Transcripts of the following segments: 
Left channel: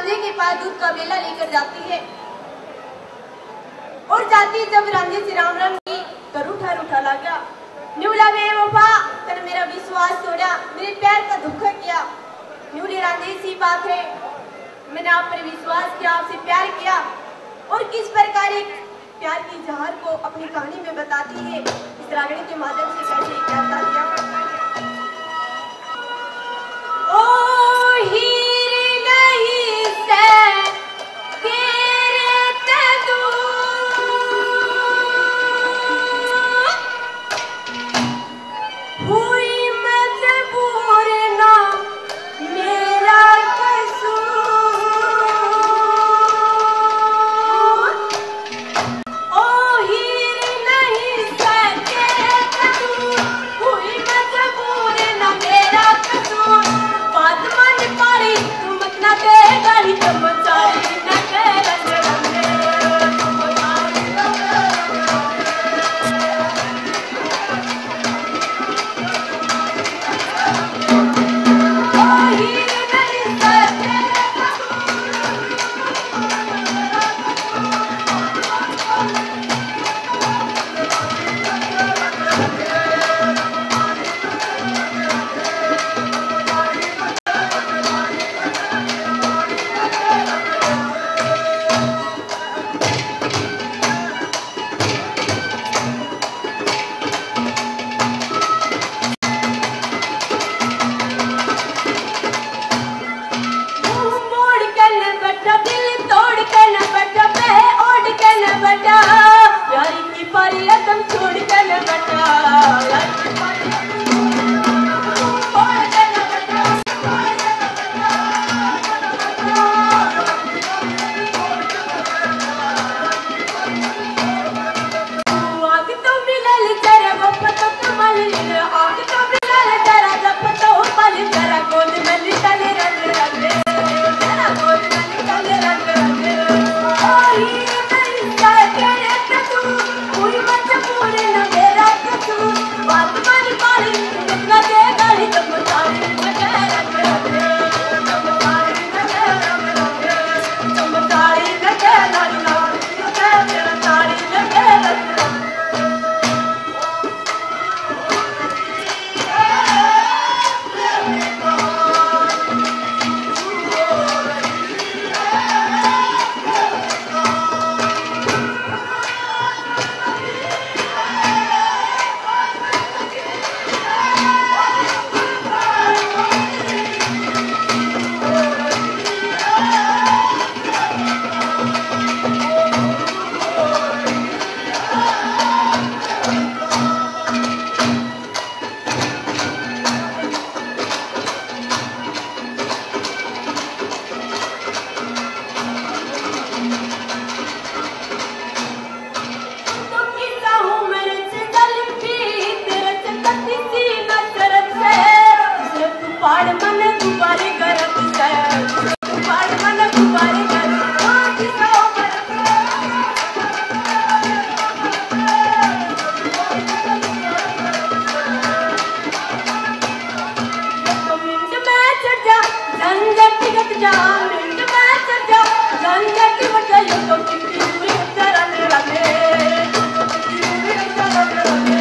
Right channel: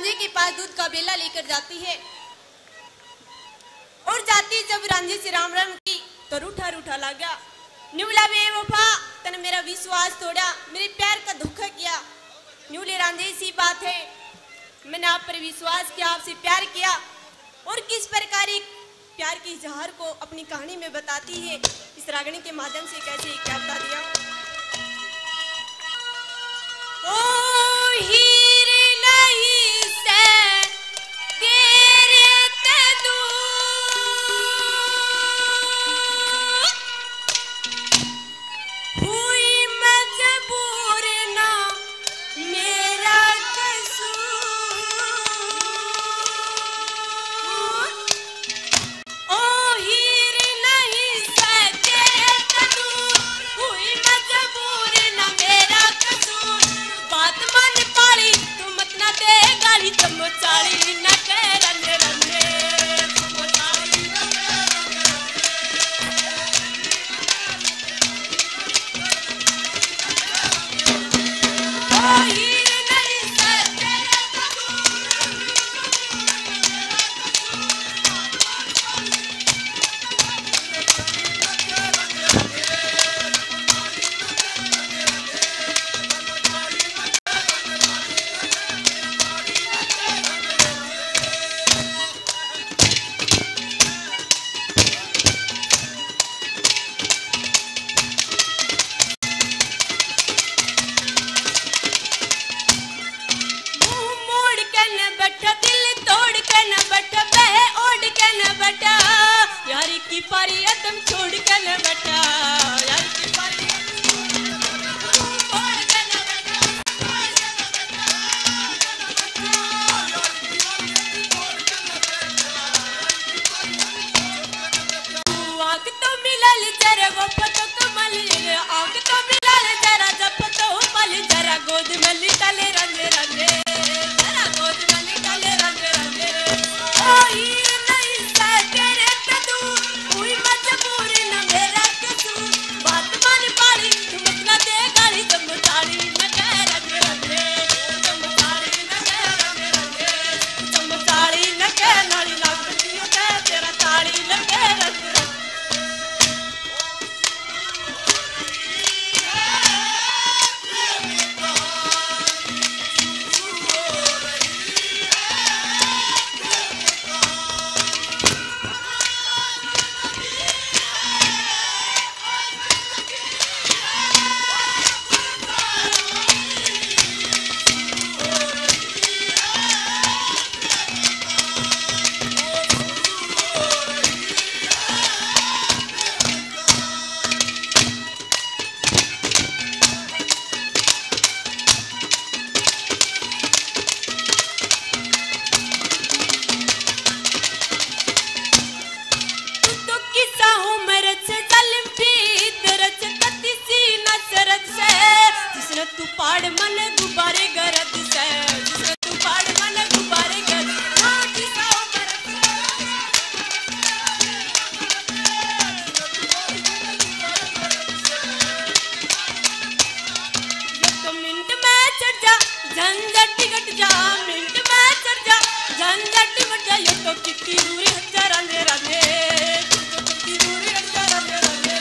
रांझे के पास दूध का बेला लेकर जाती है और जाती जब रांझे से राम राम की तो रूठा रूठा लगा। न्यूला बेवफा तने मेरा विश्वास तोड़ा, मेरे प्यार का धोखा किया। न्यूले रांझे सी बात है, मैंने आप पर विश्वास किया, आपसे प्यार किया और किस प्रकार एक प्यार की इजहार को अपनी कहानी में बताती है, इस रागनी के माध्यम से कैसे करता दिया। ओ हीरे नहीं से तेरे ते हुई मजबूर ना मेरा कसूर। ओ हीरे नहीं से तेरे ते हुई मजबूर ना मेरा कसूर। बात मान पाई तुम अपना देगा ही तो बचाए न के रंगे रंगे। ओ हीरे नहीं से तेरे मुंह मोड़ के न बैठा, दिल तोड़ के न बैठा, बह ओढ़ के न बैठा, यार की परी रकम छोड़ के न बैठा, यार की परी ओढ़ के न बैठा, आग तो मिलल जरा वो पतो कमल, आग तो मिलल जरा जब पतो पल जरा गोद में निकल रंग रंगे, जरा गोद में निकल रंग रंगे। ओ हीरे नहीं से तेरे ते तू हुई मजबूर न मेरा कसूर। बात मान पाई तुम न देगा ही तो बचाए न के रंग रंगे, तुम बचाए न के रंग रंगे, तुम बचाए न के रंग रंगे, तेरा ताड़ी न के रंग रंगे। तो किस्सा उम्र से जलिम भी तरस तती सी नसरत से, जिसने तू पाड़ मन गुब्बारे गरज से, जिसने तू पाड़ मन गुब्बारे गरज से, किस्सा उम्र तो मिनट में चढ़ जा झंझट टिकट जा, मिनट में चढ़ जा झंझट टिकट जा, यो तो पिंडी हुई चरण रंगे, पिंडी हुई चरण रंगे।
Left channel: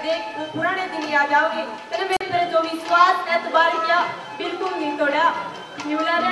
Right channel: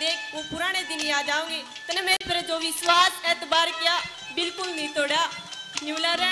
देख वो पुराने दिन याद आओगे तेरे मेरे पर जो विश्वास एतबार किया बिल्कुल नहीं तोड़ा न्यूला ने